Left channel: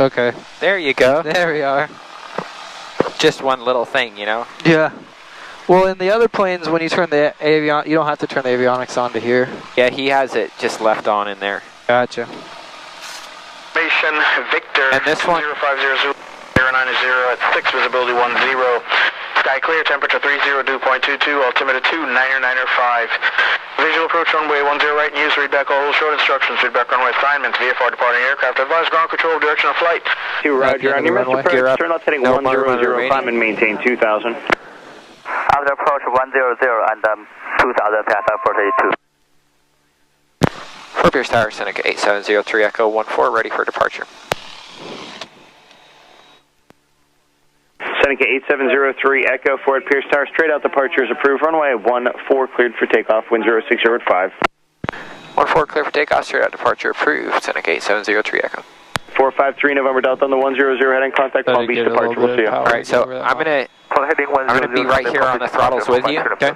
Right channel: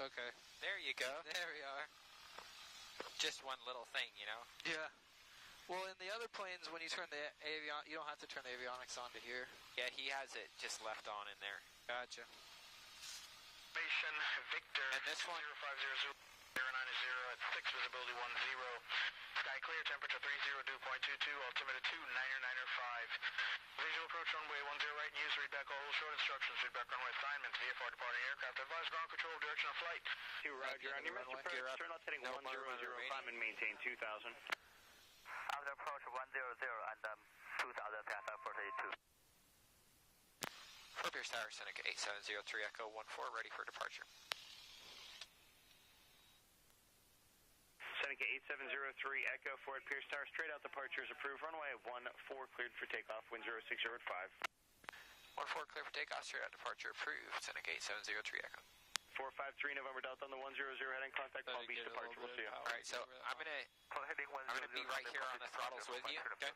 Okay. There you go. There we are. Just one little thing, you know? Yeah. Well, in the other planes, when you turn the you don't have to turn the avionics on to here. Yeah, he has it just left on in there. Gotcha. Victor. And this one? 0500 090 at 6, visibility 10. Sky clear, temperature 30, dew point 22, altimeter 29905. Visual approach runway 10 right and use, read back all short instructions, read back runway assignments, VFR departing aircraft, advise ground control direction of flight. Roger, on your missed approach, turn left heading 100, climb and maintain 2000. After approach 100 and 2000, pass out 432. Fort Pierce Tower, Seneca 8703 Echo 14, ready for departure. Seneca 8703 Echo, Fort Pierce Tower, straight out departure is approved. Runway 14 cleared for takeoff, wind 060 at 5. 14 clear for takeoff, straight out departure approved. Seneca 8703 Echo. 453 November Delta on the 100 heading, contact Palm Beach departure, we'll see you. Alright, so I'm gonna be right here on the throttles with you, okay?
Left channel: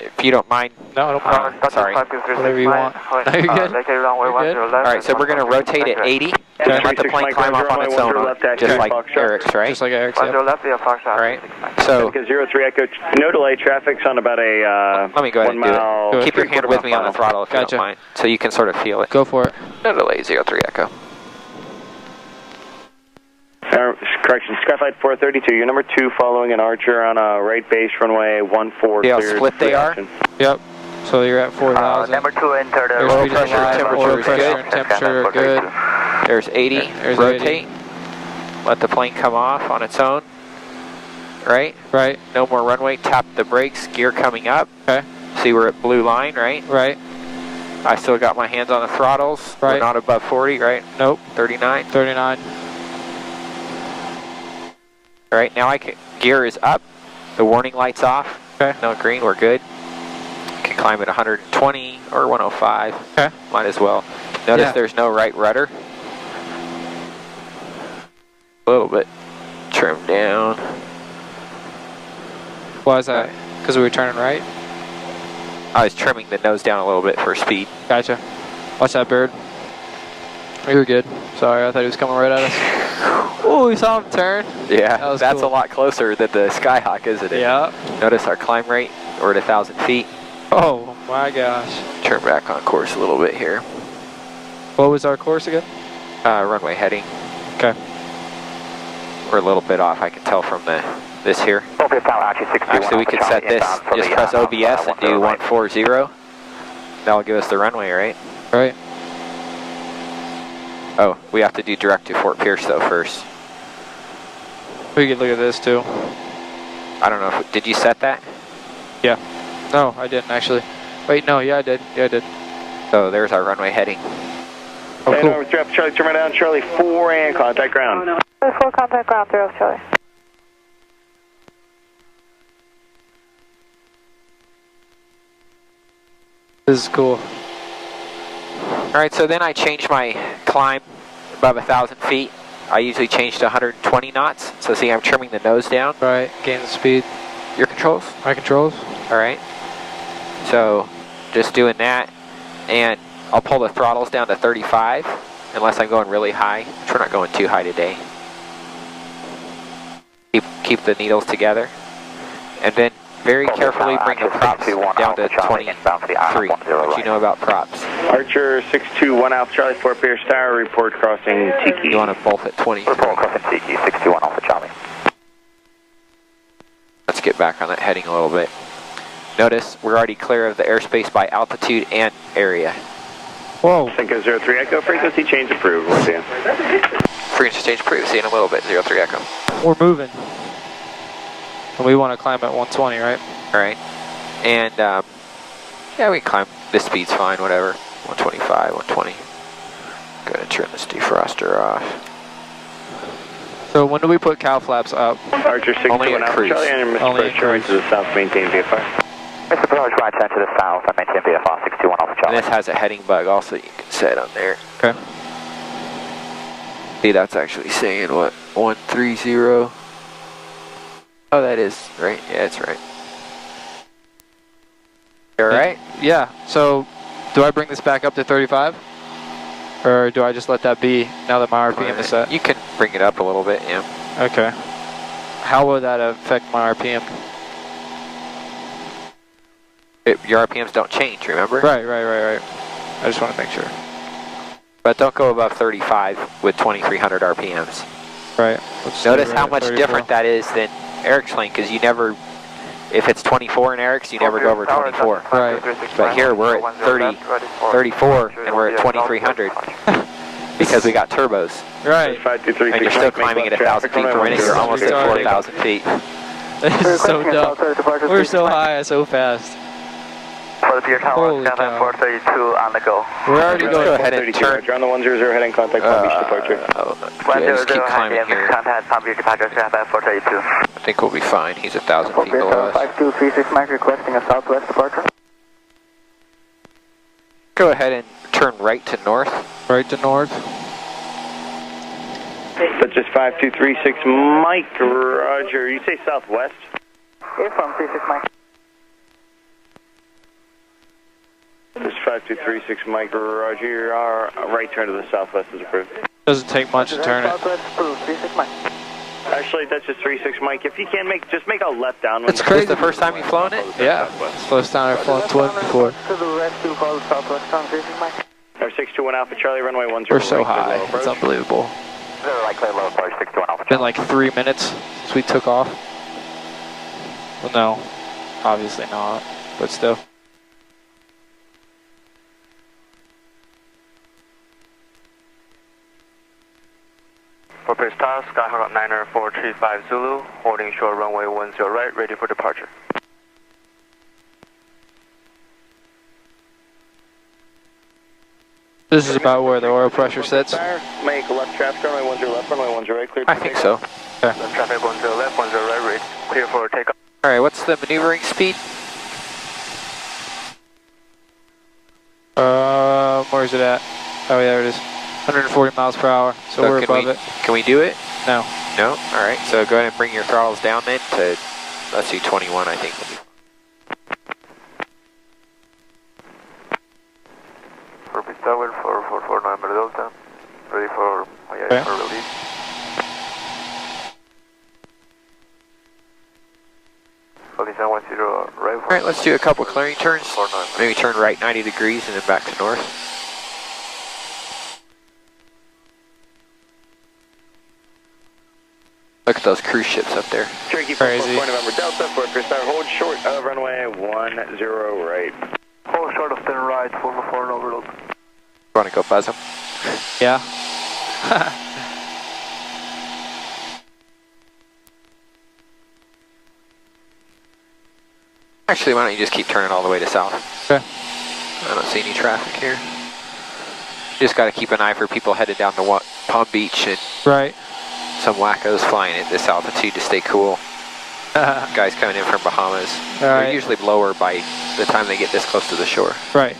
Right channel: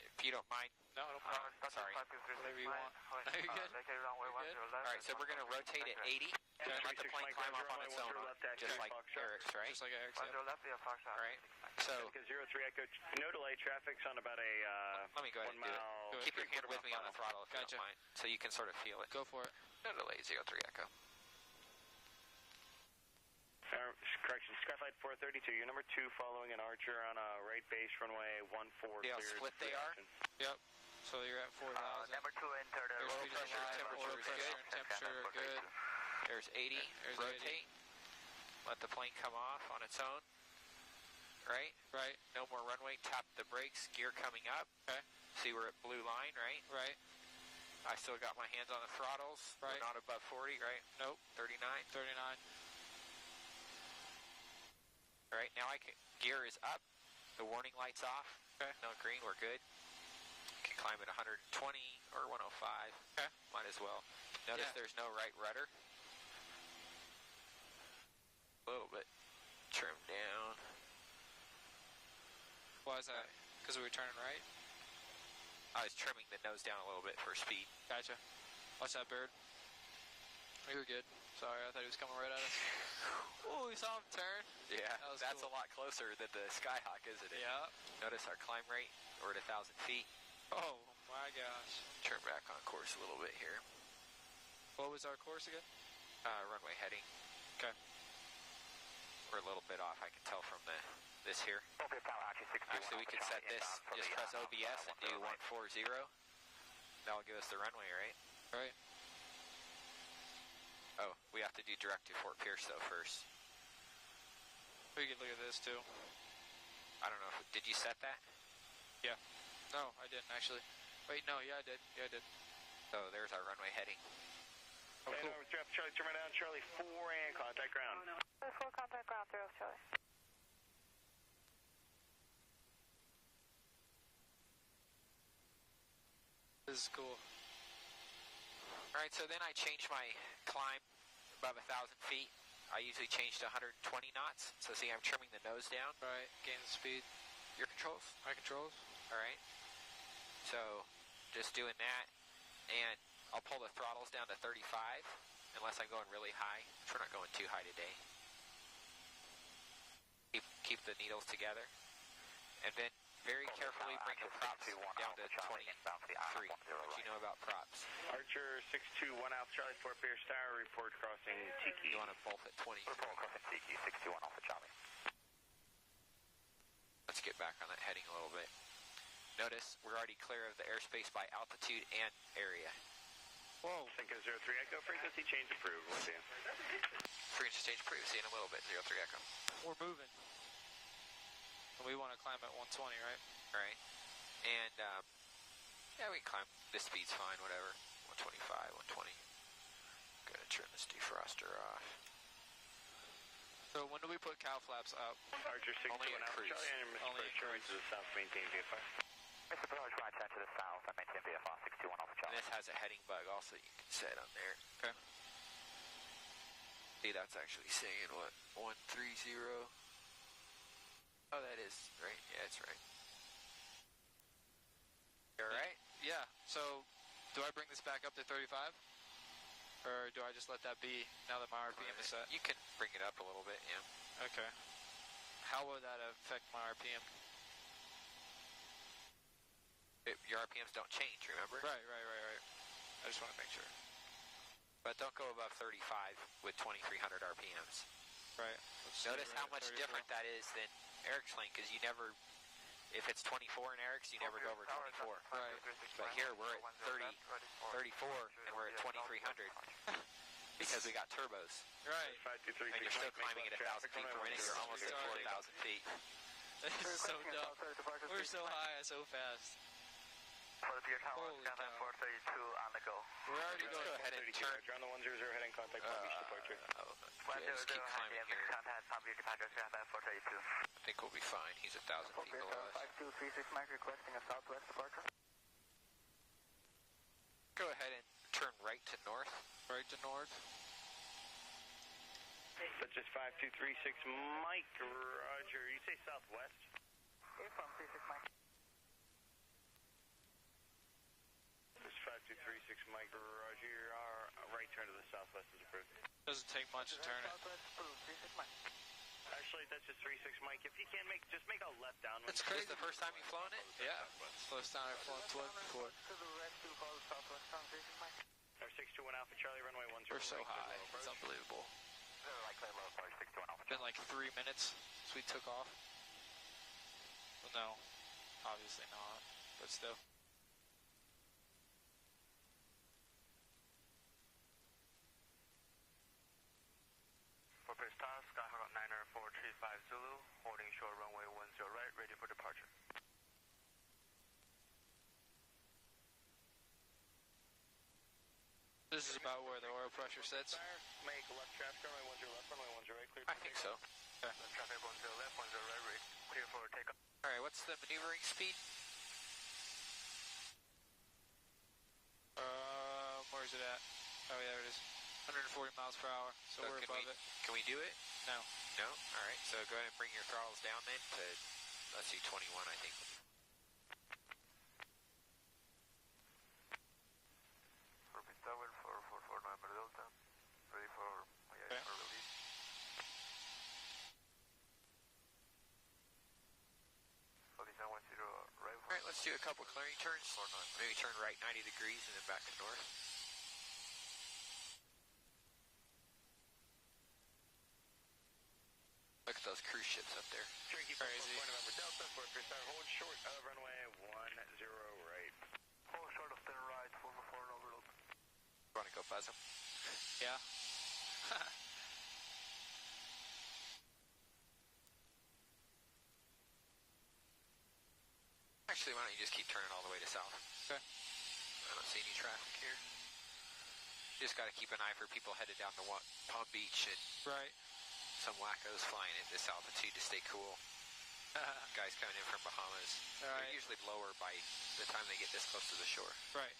If you don't mind. No, I don't mind. Sorry. Whatever you want. No, you're good. You're good. Alright, so we're going to rotate at 80 and let the plane climb up on its own, just like Eric's, right? Just like Eric's, yeah. Alright, so. 03 Echo, no delay, traffic's on about a let me go ahead and do it. Keep your hand with me on the throttle if you don't mind, so you can sort of feel it. Go for it. No delay, 03 Echo. Correction, Skyflight 432, you're number 2 following an Archer on a right base, runway 14 cleared. Yeah, split they are? Yep. So you're at 4,000. Number 2 entered. Oil pressure, temperature is good. Temperature good. There's 80. There's rotate. 80. Let the plane come off on its own. Right? Right. No more runway. Tap the brakes. Gear coming up. Okay. See we're at blue line, right? Right. I still got my hands on the throttles. Right. We're not above 40, right? Nope. 39. 39. All right, now gear is up. The warning light's off. Okay. No green, we're good. Can climb at 120 or 105. Okay. Might as well. Notice there's no right rudder. A little bit trimmed down. Why is that? Because we were turning right? I was trimming the nose down a little bit for speed. Gotcha. Watch that bird. We were good. Sorry, I thought he was coming right at us. Oh, we saw him turn. Yeah, that's cool. a lot closer than the Skyhawk, isn't it? Yeah. Notice our climb rate. We're at 1,000 feet. Oh my gosh. Turn back on course a little bit here. What was our course again? Runway heading. Okay. We're a little bit off, I can tell from this here. Actually, we could set this, just press OBS and do 140. That'll give us the runway, right? Right. Oh, we have to do direct to Fort Pierce though first. We could look at this too. I don't know, did you set that? Yeah. No, I didn't actually. Wait, no, yeah I did. Yeah I did. So there's our runway heading. Oh, cool. Over Charlie, turn right down, Charlie 4 and contact ground. 4 contact ground, 3 Charlie. This is cool. Alright, so then I changed my climb above 1,000 feet. I usually change to 120 knots. So see, I'm trimming the nose down. Right, gain the speed. Your controls? My controls. Alright. So, just doing that. And I'll pull the throttles down to 35, unless I'm going really high, which we're not going too high today. Keep the needles together. And then very carefully bring the props down to 23. What you know about props? Archer 621 Alpha Charlie, Fort Pierce Tower, report crossing Tiki. You want to both at 23. Report crossing Tiki, 621 Alpha Charlie. Let's get back on that heading a little bit. Notice we're already clear of the airspace by altitude and area. Whoa. Seneca 03 Echo, frequency change approved. We'll see you. Frequency change approved. See you in a little bit. 03 Echo. We're moving. And we want to climb at 120, right? All right. And, yeah, we can climb. This speed's fine, whatever. 125, 120. Gonna turn this defroster off. So when do we put cow flaps up? Archer 621 Alpha Charlie, and Mr. Only Approach turn to the south, maintain VFR. Mr. Approach, right turn to the south, and maintain VFR 621 Alpha Charlie. And this has a heading bug also you can set on there. Okay. See, that's actually saying what? 130. Oh, that is right. Yeah, it's right. You all right? Yeah. So, do I bring this back up to 35? Or do I just let that be now that my RPM is set? You can bring it up a little bit, yeah. Okay. How will that affect my RPM? Your RPMs don't change, remember? Right. I just want to make sure. But don't go above 35 with 2300 RPMs. Right. Notice how much different that is than Eric's lane, because you never, if it's 24 in Eric's, you never go over 24. Right. But here we're at 34, and we're at 2300 because we got turbos. Right. And you're still climbing at 1,000 feet per minute. You're almost at 4,000 feet. That is so dumb. We're so high, so fast. For the Pier Tower, Holy cow. 432 on the go. We're already going. Go ahead and turn. You're on the 100, heading contact Palm Beach departure. Yeah, just keep climbing here. Contact Palm Beach departure, 432. I think we'll be fine. He's 1,000 feet below us. 5236 Mike requesting a southwest departure. Go ahead and turn right to north. Right to north. That's just 5236 Mike, roger. You say southwest? Yeah, from 36 Mike. This 5236 Mike, roger. Our right turn to the southwest is approved. Doesn't take much to turn it. Southwest approved, 36 Mike. Actually, that's just 36 Mike. If you can't make, just make a left down. It's crazy. Is this the first time you've flown it? Yeah. It's the first time I've flown twin before. To the rescue, call southwest on 36 Mike. Our 621 Alpha Charlie, runway 10. We're so high. It's unbelievable. Zero right clear low approach, 621 Alpha. Been like 3 minutes since we took off. Well, no. Obviously not. But still. For Pier Star, Skyhawk Niner 435 Zulu, holding short runway 10 right, ready for departure. This is about where the oil pressure sits. Make left traffic, runway 10 left, runway 10 right, clear. I think so. Okay. Left traffic 10 left, 10 right, ready, clear for takeoff. All right, what's the maneuvering speed? Where's it at? Oh, yeah, there it is. 140 miles per hour, so we're above it. Can we do it? No. No? All right, so go ahead and bring your throttles down then to, let's see, 21, I think. For Pier Tower, 444 November Delta, ready for release. All right, let's do a couple clearing turns. Maybe turn right 90 degrees and then back to north. Look at those cruise ships up there. Cherokee Crazy. 4 November Delta, for Pier Star, hold short of runway 10 right. Hold short of 10 right, 444 November Delta. You want to go buzz them? Yeah. Actually, why don't you just keep turning all the way to south? Okay. I don't see any traffic here. You just got to keep an eye for people headed down to Palm Beach and Right. some wackos flying at this altitude to stay cool. Guys coming in from Bahamas. Right. They're usually lower by the time they get this close to the shore. Right.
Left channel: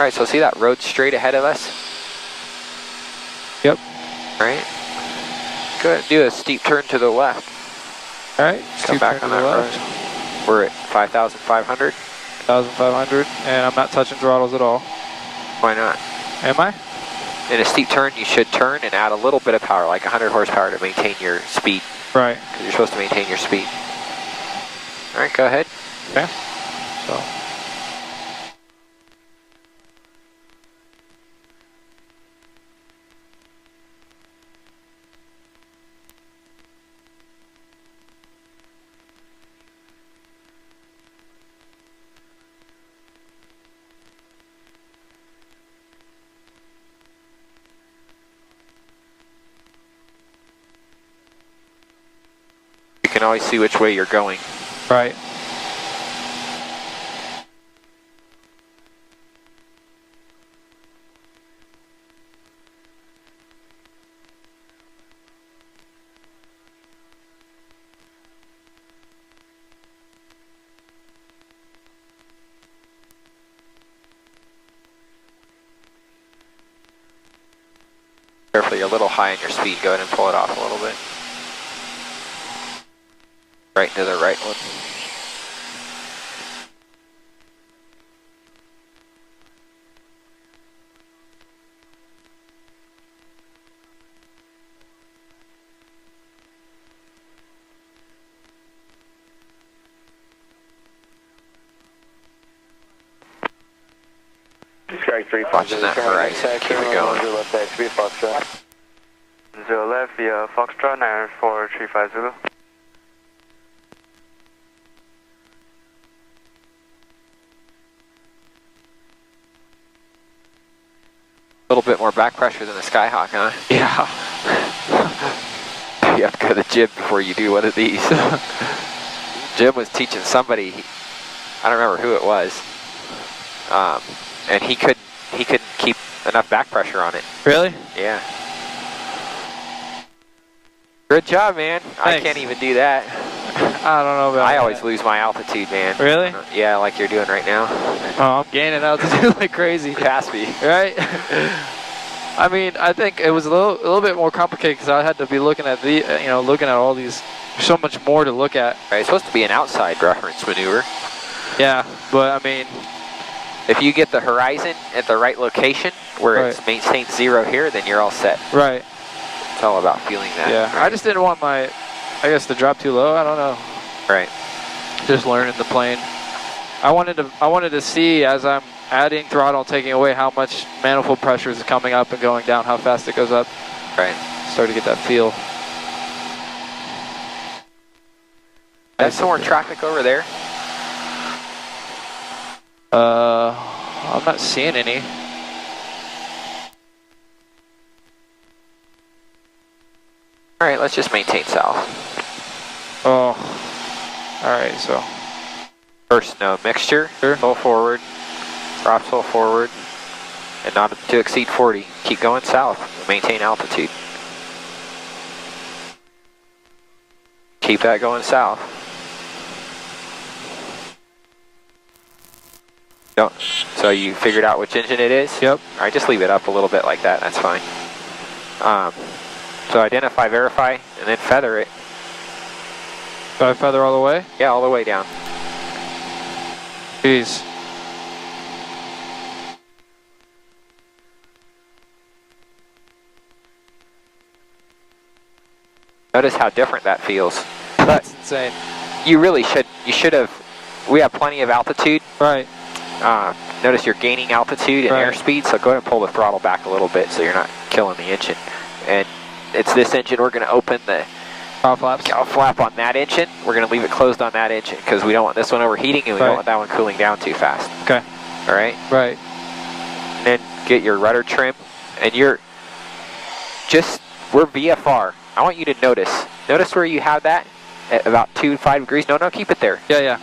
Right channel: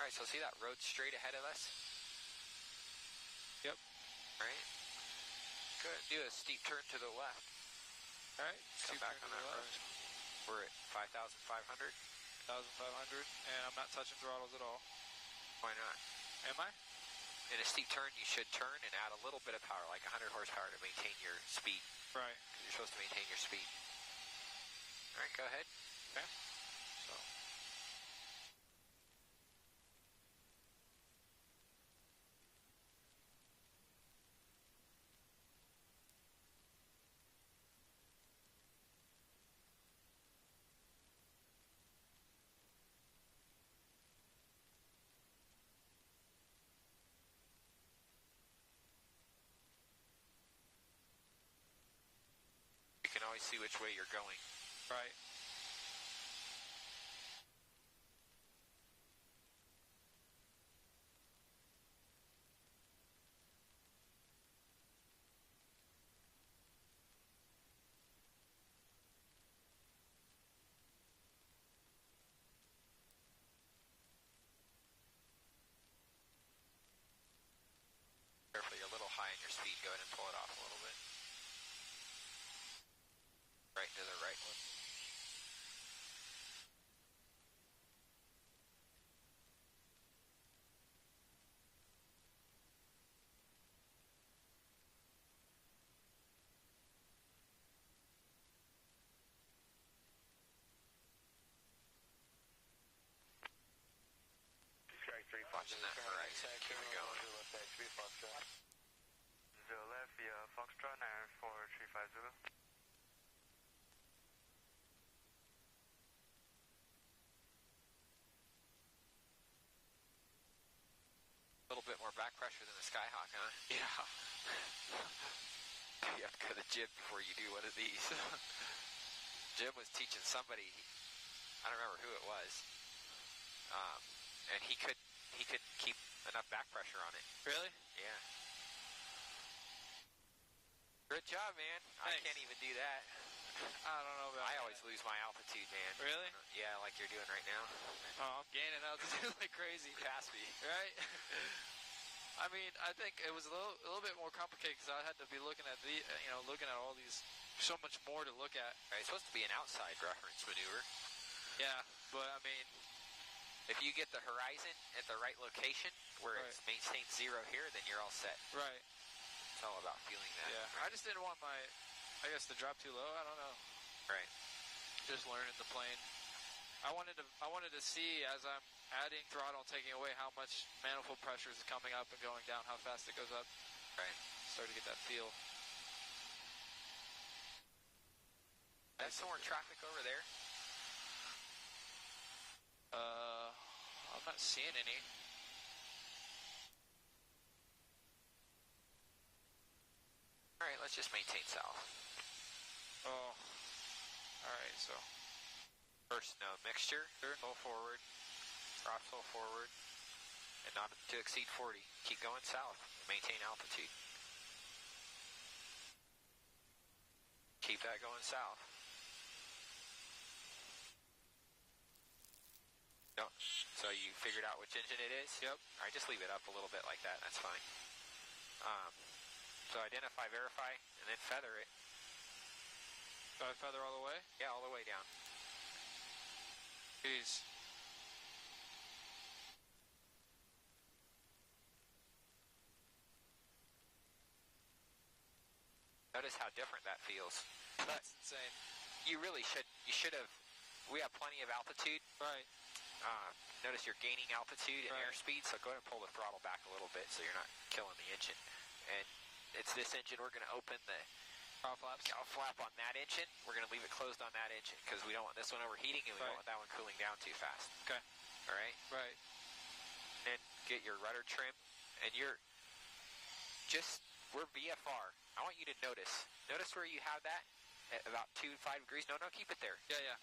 All right, so see that road straight ahead of us? Yep. All right. Go ahead and do a steep turn to the left. All right. Come back on that road. We're at 5,500. 1,500, and I'm not touching throttles at all. Why not? Am I? In a steep turn, you should turn and add a little bit of power, like 100 horsepower to maintain your speed. Right. Because you're supposed to maintain your speed. All right, go ahead. Okay. So. You can always see which way you're going. Right. Careful, you're a little high on your speed. Go ahead and pull it off a little bit. Right to the right one. Watching that horizon, keep it going. 0 left via Foxtrot 94350. A little bit more back pressure than the Skyhawk, huh? Yeah. You have to go to the gym before you do one of these. Jim was teaching somebody, I don't remember who it was, and he couldn't keep enough back pressure on it. Really? Yeah. Good job, man. Thanks. I can't even do that. I don't know about I that. always lose my altitude, man. Really? Yeah, like you're doing right now. Oh, I'm gaining altitude like crazy. Pass me. Right? I mean, I think it was a little bit more complicated because I had to be looking at looking at all these. There's so much more to look at. Right, it's supposed to be an outside reference maneuver. Yeah, but I mean, if you get the horizon at the right location where it's maintained 0 here, then you're all set. Right. It's all about feeling that. Yeah, I just didn't want my, I guess, to drop too low. I don't know. Right. Just learning the plane. I wanted to see as I'm adding throttle, taking away, how much manifold pressure is coming up and going down, how fast it goes up. Right. Start to get that feel. There's some more traffic over there. I'm not seeing any. All right, let's just maintain south. Oh, all right, so. First, no mixture, full forward, drop full forward, and not to exceed 40. Keep going south, maintain altitude. Keep that going south. Don't. So you figured out which engine it is? Yep. All right, just leave it up a little bit like that, that's fine. So identify, verify, and then feather it. Do I feather all the way? Yeah, all the way down. Jeez. Notice how different that feels. That's insane. You really should, we have plenty of altitude. Right. Notice you're gaining altitude and Right. airspeed, so go ahead and pull the throttle back a little bit so you're not killing the engine. And it's this engine, we're going to open the Cowl flaps. cowl flap on that engine. We're going to leave it closed on that engine because we don't want this one overheating and we don't want that one cooling down too fast. Okay. All right? Right. And then get your rudder trim, and we're VFR. I want you to notice where you have that at about 2-5 degrees. No, keep it there. Yeah, yeah.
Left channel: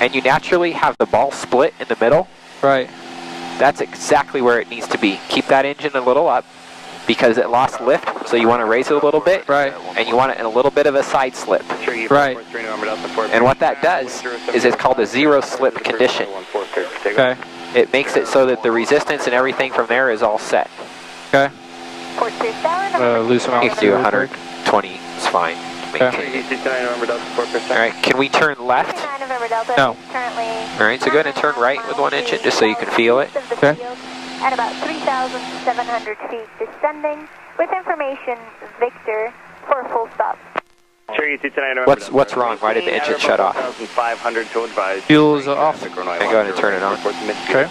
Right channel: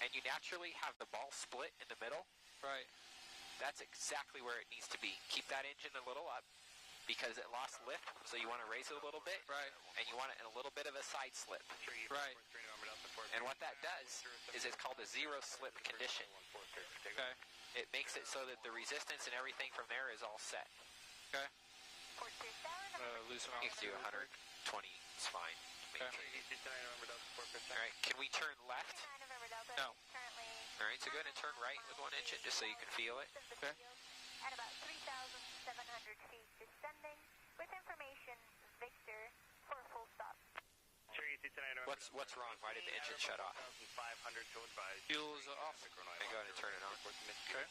And you naturally have the ball split in the middle. Right. That's exactly where it needs to be. Keep that engine a little up because it lost lift, so you want to raise it a little bit. Right. And you want it in a little bit of a side slip. Right. And what that does is it's called a 0 slip condition. Okay. It makes it so that the resistance and everything from there is all set. Okay. Loose them out. You can do 120, it's fine. Okay. All right, can we turn left? No. All right, so go ahead and turn right with one engine just so you can feel it. Okay. At about 3,700 feet descending, with information Victor for a full stop. What's wrong? Why did the engine shut off? Fuel's off. Okay, go ahead and turn it on. Okay.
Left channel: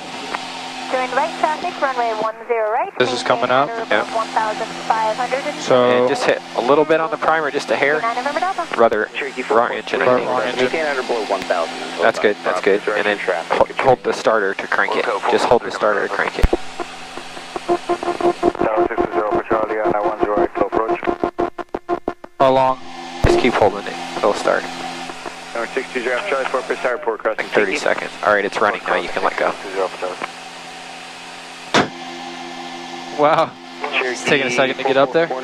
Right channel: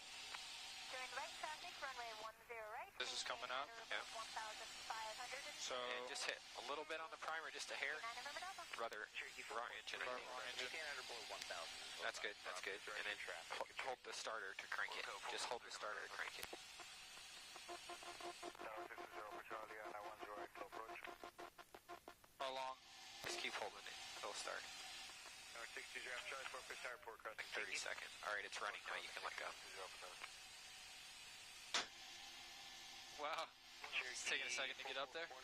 During right traffic, runway 10 right. This is coming up. Yeah. 1,500. So. And just hit a little bit on the primer, just a hair. Rather, wrong engine, I think. Wrong engine. That's good, that's good. And then hold the starter to crank it. Just hold the starter to crank it. How long? Just keep holding it. It'll start. Like 30 seconds. All right, it's running now. You can let go. Wow. It's taking a second to get up there. The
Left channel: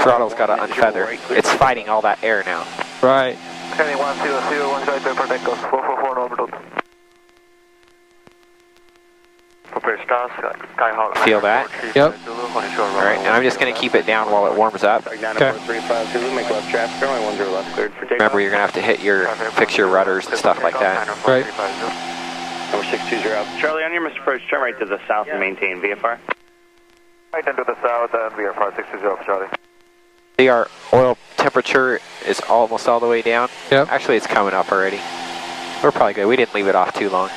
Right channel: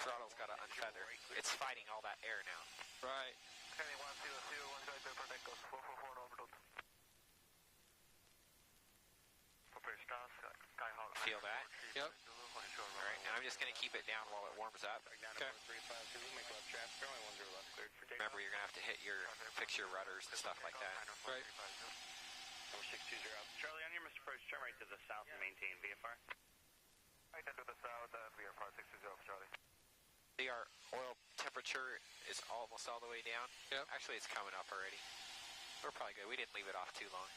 throttle's got to unfeather. It's fighting all that air now. Right. Heading 100, 1 right to protect us, 444 orbital. Feel that? Yep. All right, and I'm just going to keep it down while it warms up. Okay. Remember, you're going to have to hit fix your rudders and stuff like that. Right. Number 620 Alpha Charlie, on your missed approach, turn right to the south and maintain VFR. Right into the south and VFR 620 Alpha Charlie. See, our oil temperature is almost all the way down. Yep. Actually, it's coming up already. We're probably good. We didn't leave it off too long.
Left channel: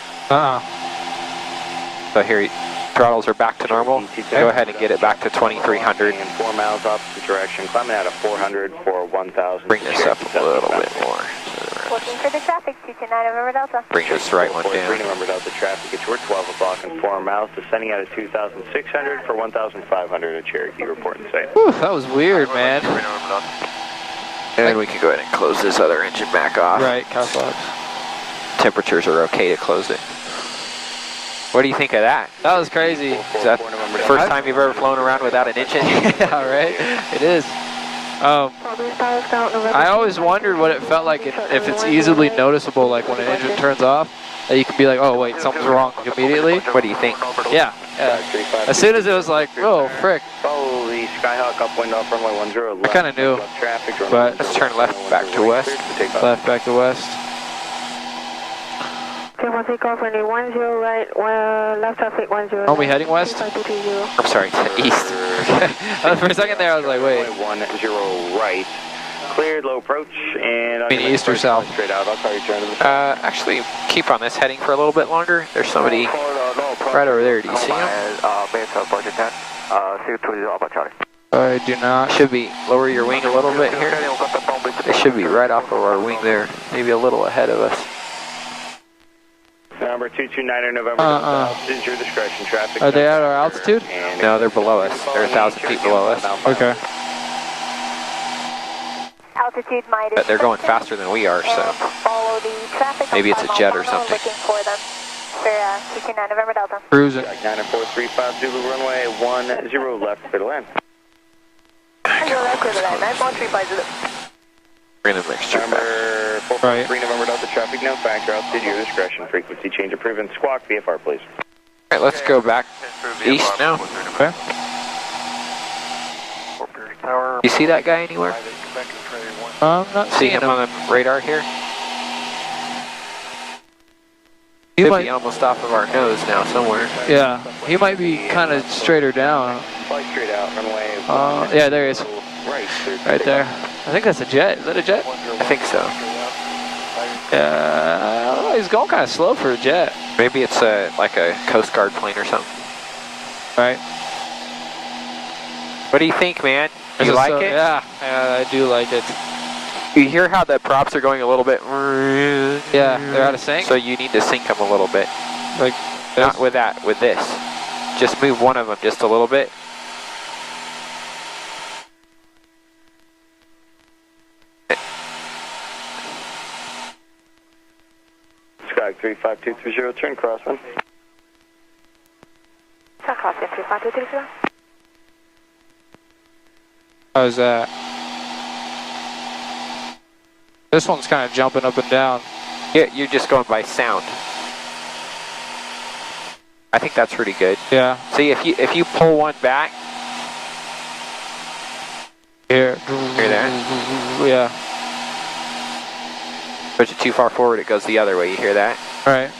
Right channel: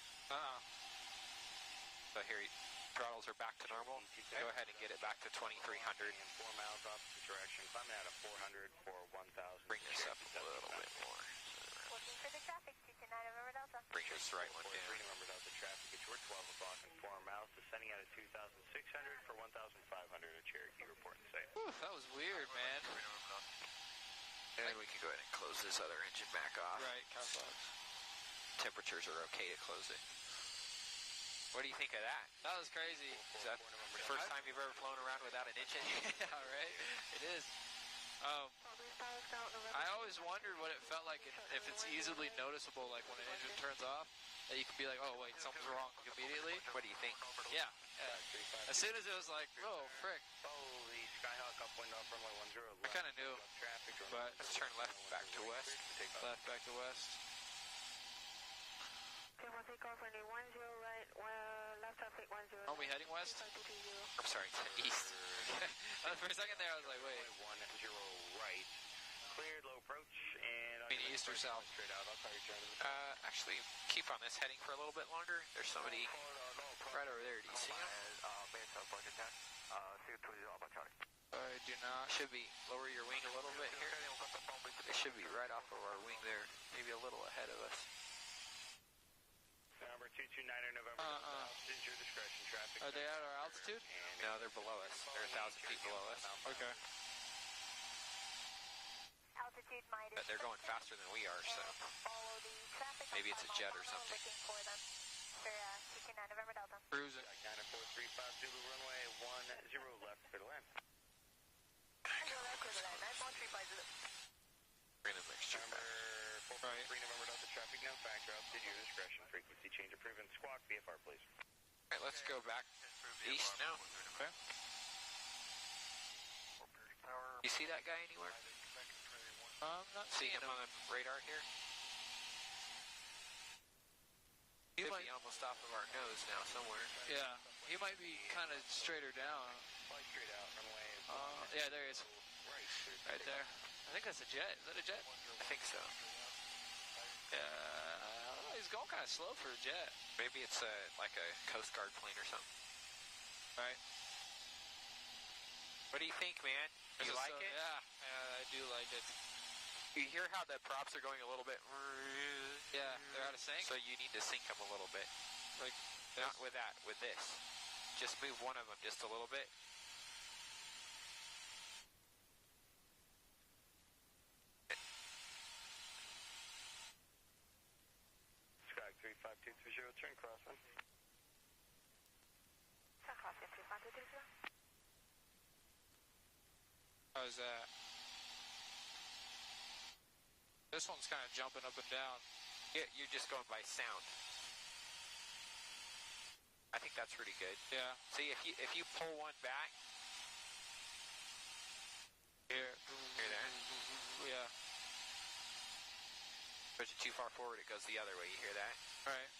So here, throttles are back to normal. Go ahead and get it back to 2300. And 4 miles opposite direction, climbing out of 400 for 1,000. Bring this up a little bit more. Looking for the traffic, 229 November Delta. Bring this right one down. 3 November Delta traffic, it's your 12 o'clock and 4 miles, descending out of 2,600 for 1,500 at Cherokee, reporting site. Whew, that was weird, man. And we can go ahead and close this other engine back off. Right, cap locks. Temperatures are okay to close it. What do you think of that? That was crazy. Is that the first time you've ever flown around without an engine? Yeah, right? It is. I always wondered what it felt like if it's easily noticeable, like when an engine turns off, that you can be like, oh wait, something's wrong immediately. What do you think? Yeah. As soon as it was like, oh frick. Follow the Skyhawk upwind off runway 10. I kind of knew, but let's turn left back to west. Left back to west. Take off runway 10 right, left traffic 10. Are we heading west? I'm sorry, to the east. For a second there, I was like, wait. 10 right, cleared, low approach, and I mean east or south? Straight out. I'll call you turn to the south. Actually, keep on this heading for a little bit longer. There's somebody right over there. Do you see him? I do not. Should be lower your wing a little bit here. They should be right off of our wing there, maybe a little ahead of us. Number 229 November South is your discretion. Traffic. Are they at our altitude? No, they're below us. They're 1,000 feet below us. Okay. Altitude minus. But they're going faster than we are, so Follow the traffic. maybe it's a jet or something. Looking for them. For 229 November Delta. Cruising. 9435 Zulu runway 10 left for the land. Bring the mixture back. Number 453 November Delta traffic, no factor, altitude, your discretion, frequency change approved, and squawk VFR, please. All right, let's go back east now. Okay. You see that guy anywhere? I'm not See seeing him on the radar here? He Could might be almost off of our nose now somewhere. Yeah, he might be kind of straighter down. Fly straight out, runway Yeah, there he is. Right there. I think that's a jet. Is that a jet? I think so. Yeah, he's going kind of slow for a jet. Maybe it's like a Coast Guard plane or something. Right. What do you think, man? You like it? Yeah, I do like it. You hear how the props are going a little bit? Yeah, they're out of sync. So you need to sync them a little bit. Like, not with that, with this. Just move one of them just a little bit. Sky 35230, turn crosswind. Crosswind 35230. how's that? This one's kind of jumping up and down. Yeah, you're just going by sound. I think that's pretty good. Yeah. See, if you pull one back. Here. Hear that? Yeah. Push it too far forward, it goes the other way. You hear that? Right.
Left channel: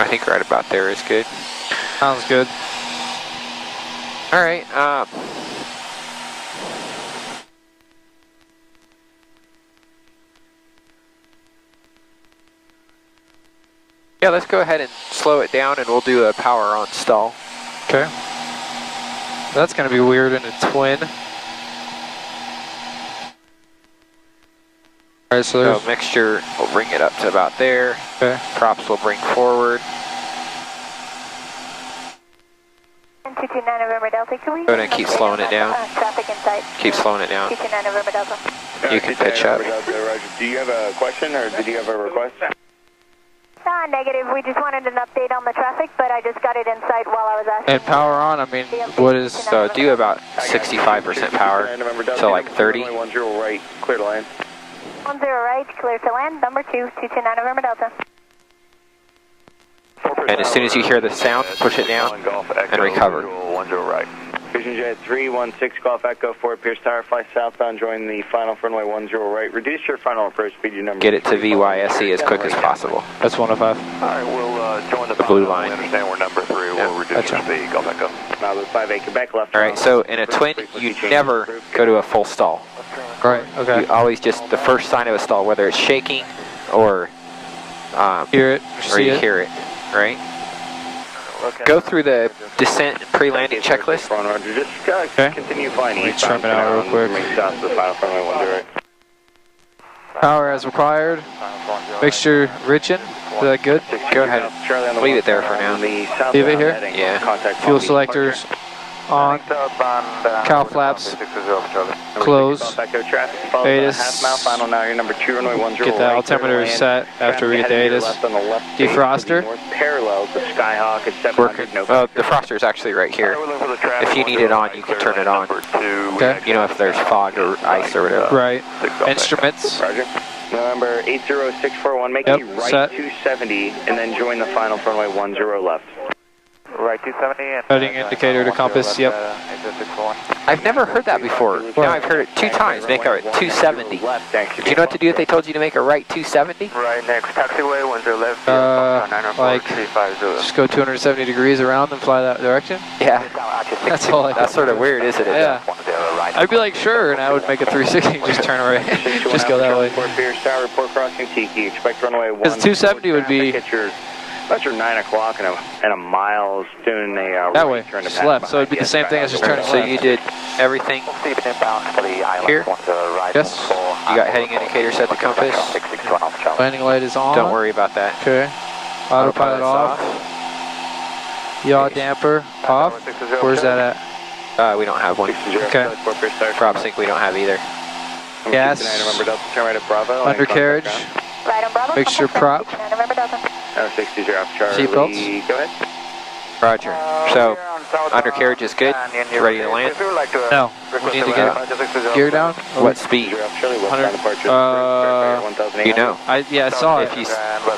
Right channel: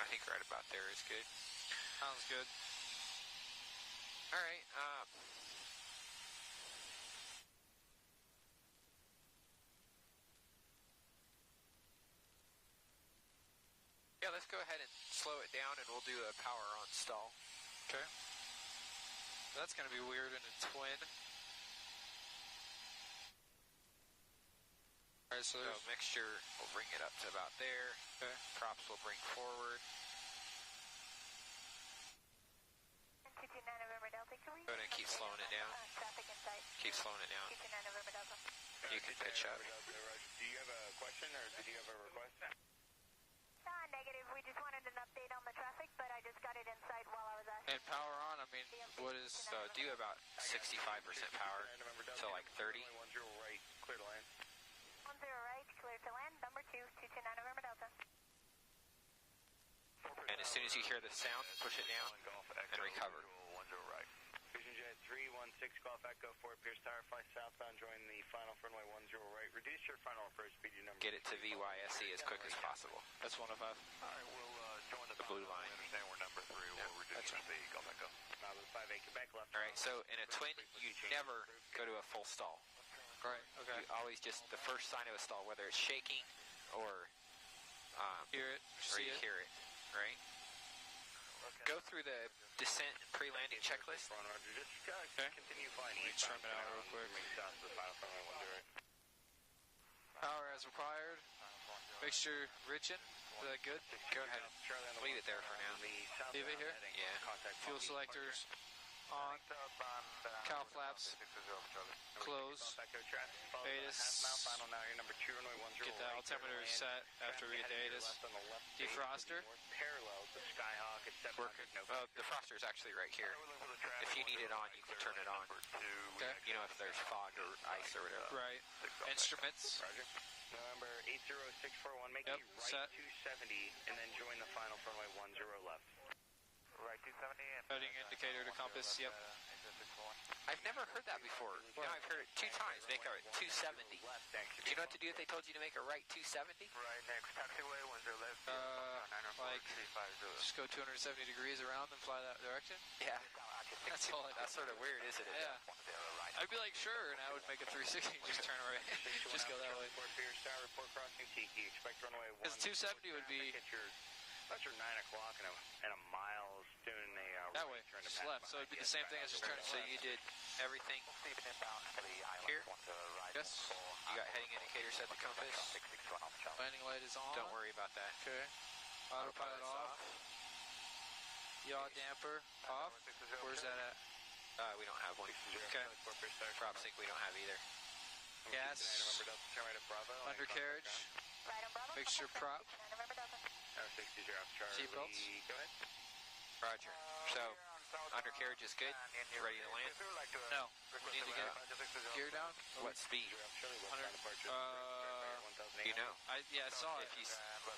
I think right about there is good. Sounds good. All right. Yeah, let's go ahead and slow it down, and we'll do a power on stall. Okay. That's going to be weird in a twin. All right, so there's... So mixture, we'll bring it up to about there. Okay. Props will bring forward. 229 November Delta, can we... Go ahead and keep slowing it down. Traffic inside. Keep slowing it down. 229 November Delta. You can pitch up. Do you have a question, or did you have a request? negative. We just wanted an update on the traffic, but I just got it in sight while I was asking. And power on, I mean, what is... So do about 65% power, so like 30. 10 right, clear to land. 10 right, clear to land, number 2, 229 November Delta. And as soon as you hear the sound, push it down and recover. 10 right. Vision Jet 316 Golf Echo, Fort Pierce Tower, fly southbound, join the final for runway 10 right. Reduce your final approach speed, your number. Get it to VYSE as quick as possible. That's 105. Alright, we'll join the blue line. We understand we're number 3, we'll reduce your speed, Golf Echo. Now the 58 Quebec left. Alright, so in a twin, you never go to a full stall. Right, okay. You always just, the first sign of a stall, whether it's shaking or hear it, or you hear it, right? Go through the descent pre-landing checklist. Okay. Continue flying east. Trim it out real quick. Power as required. Mixture rich in. Is that good? Go ahead. Leave it there for now. Leave it here? Yeah. Fuel selectors on. Cow flaps close. ATIS. Get the altimeter set after we get the ATIS. Defroster. Working. Defroster is actually right here. If you need it on, you can turn it on. Okay. You know, if there's fog or ice or whatever. Right. Instruments. November 80641, make Yep, a right set. 270 and then join the final for runway 10 left. Right 270. Heading indicator to compass, yep. I've never heard that before. Now I've heard it 2 times. Make a 270. Do you know what to do if they told you to make a right 270? Right next taxiway, 10 left. Like, just go 270 degrees around and fly that direction? Yeah. That's all I That's sort of weird, isn't it? Yeah. I'd be like, sure, and I would make a 360 just turn away. Just go that way. Report crossing Tiki, expect runway 1. Because 270 would be... About your 9 o'clock and a mile soon that way, just left. So it'd be the same thing as just turning So left. you did everything here? Yes. You got heading indicator set to compass? Landing light is on. Don't worry about that. Okay. Autopilot off. Yaw damper off. Where's that at? We don't have one. Okay. Prop sync we don't have either. Gas. Undercarriage. Right on Bravo. Mixture prop. November Delta. Seatbelts. Go ahead. Roger. So, undercarriage is good? You ready to land? No. We need to get gear down. What speed? 100. You know. Yeah, I saw it. If you,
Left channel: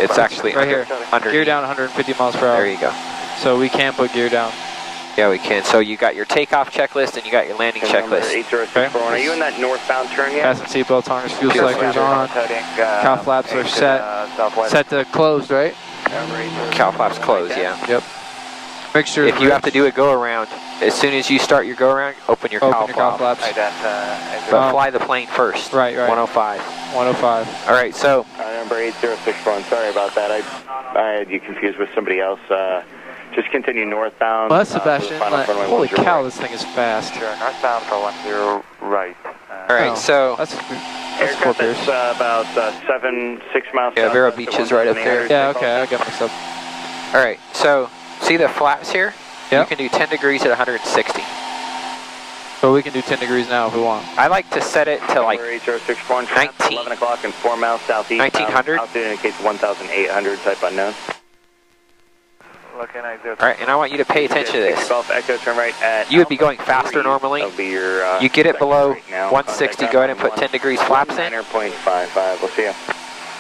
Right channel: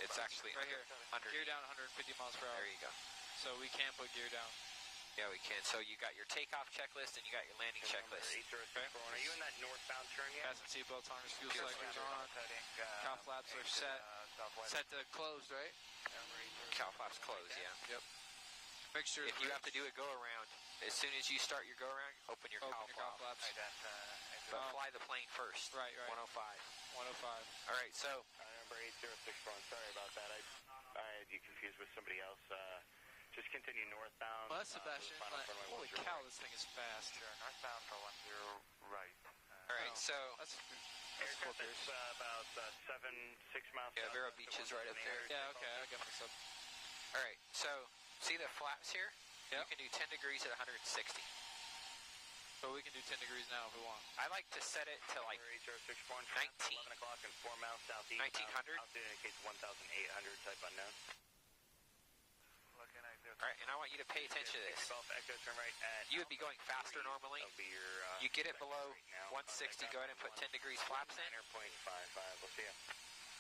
it's actually right here. under. Gear down 150 miles per hour. There you go. So we can put gear down. Yeah, we can. So you got your takeoff checklist and you got your landing checklist. Okay. Are you in that northbound turn yet? Fasten seatbelts, harness, fuel selectors on. Cow flaps are set. Set to closed, right? Cow flaps closed, yeah. Yep. Mixture. If you have to do a go around, as soon as you start your go around, open your cow flaps. But fly the plane first. Right. 105. 105. All right, so. Number 8061. Sorry about that. I had you confused with somebody else. Just continue northbound. Well, that's Sebastian. Holy cow, this thing is fast. Northbound for 10 right. All right, so. That's Fort Pierce. About 6 miles. Yeah, Vero Beach is right up there. Yeah, okay, I got mixed up. All right, so see the flaps here? Yeah. You can do 10 degrees at 160. So we can do 10 degrees now if we want. I like to set it to like 19. 11 o'clock and 4 miles southeast. 1900. Altitude indicates 1,800, type unknown. All right, and I want you to pay attention to this. Echo, turn right at You would be going faster normally. You get it below 160, go ahead and put 10 degrees flaps in. 9.55, we'll see you.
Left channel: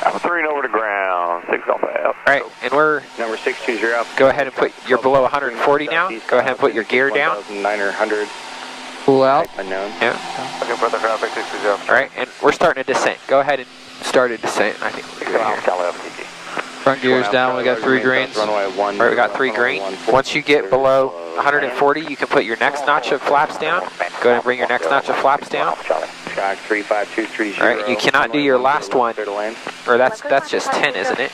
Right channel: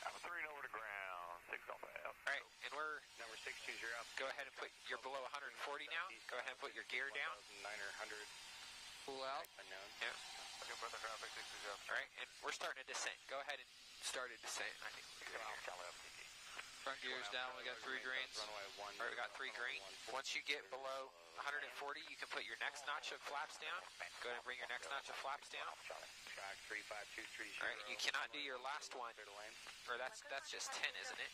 Alpha 3 over to ground, 6 Alpha. All right, and we're number 620. Go ahead and put, you're below 140 now. Go ahead and put your gear down. 1,900. Pull out. Unknown. Yeah. All right, and we're starting a descent. Go ahead and start a descent. I think we're good here. Front gears down, we got 3 greens. All right, we got 3 green. Once you get below 140, you can put your next notch of flaps down. Go ahead and bring your next notch of flaps down. All right, you cannot do your last one, or that's just 10, isn't it?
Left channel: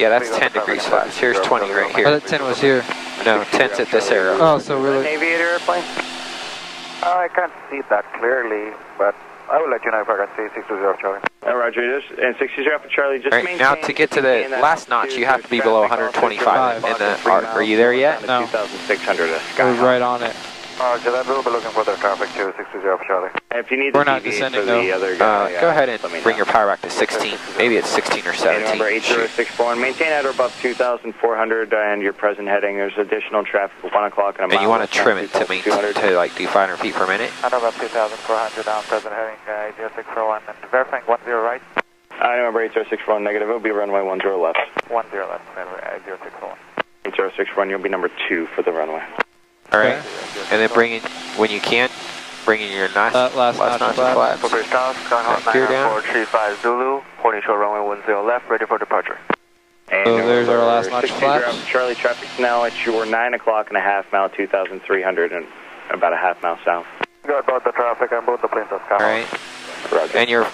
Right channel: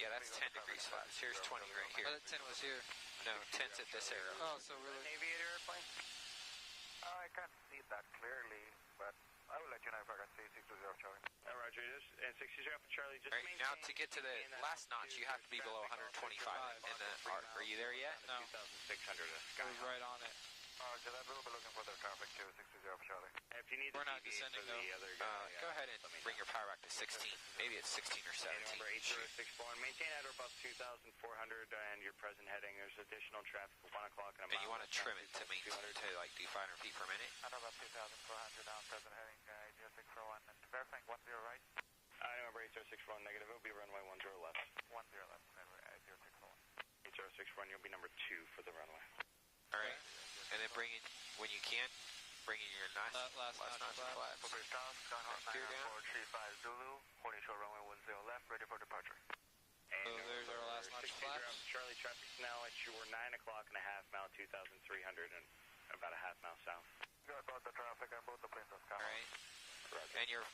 Yeah, that's 10 degrees flaps. Here's 20 right here. I thought 10 was here. No, 10's at this arrow. Oh, so we're like... Aviator airplane? I can't see that clearly, but I will let you know if I can see 620 Charlie. Roger, and 620 for Charlie. Just all right, now to get to the last notch, you have to be below 125 in the arc. Are you there yet? No. 2,600. We're right on it. Roger that, we'll be looking for the traffic to 620 for Charlie. If you need We're the not DV descending, for the though. other guy, Go ahead and let me bring know. your power back to 16. Maybe it's 16 or 17. Number 8064, maintain at or above 2,400 and your present heading. There's additional traffic at 1 o'clock and a mile. And you want to westbound, trim it to maintain, to like do 500 feet per minute? At about 2,400 down, present heading, 0641, and verifying 10 right. Number 8061 negative, it'll be runway 10 left. 10 left, 0641. 8061, you'll be number 2 for the runway. All right. And then bring in, when you can, bring in your last notch notch of flaps. For bridge down, Gear down. 9435 Zulu, holding short runway 10 left, ready for departure. And So there's our last notch 60 flaps. Charlie, traffic's now at your 9 o'clock and a half mile, 2,300 and about a half mile south. Got about the traffic on both the planes of Sky. All right. Roger. And your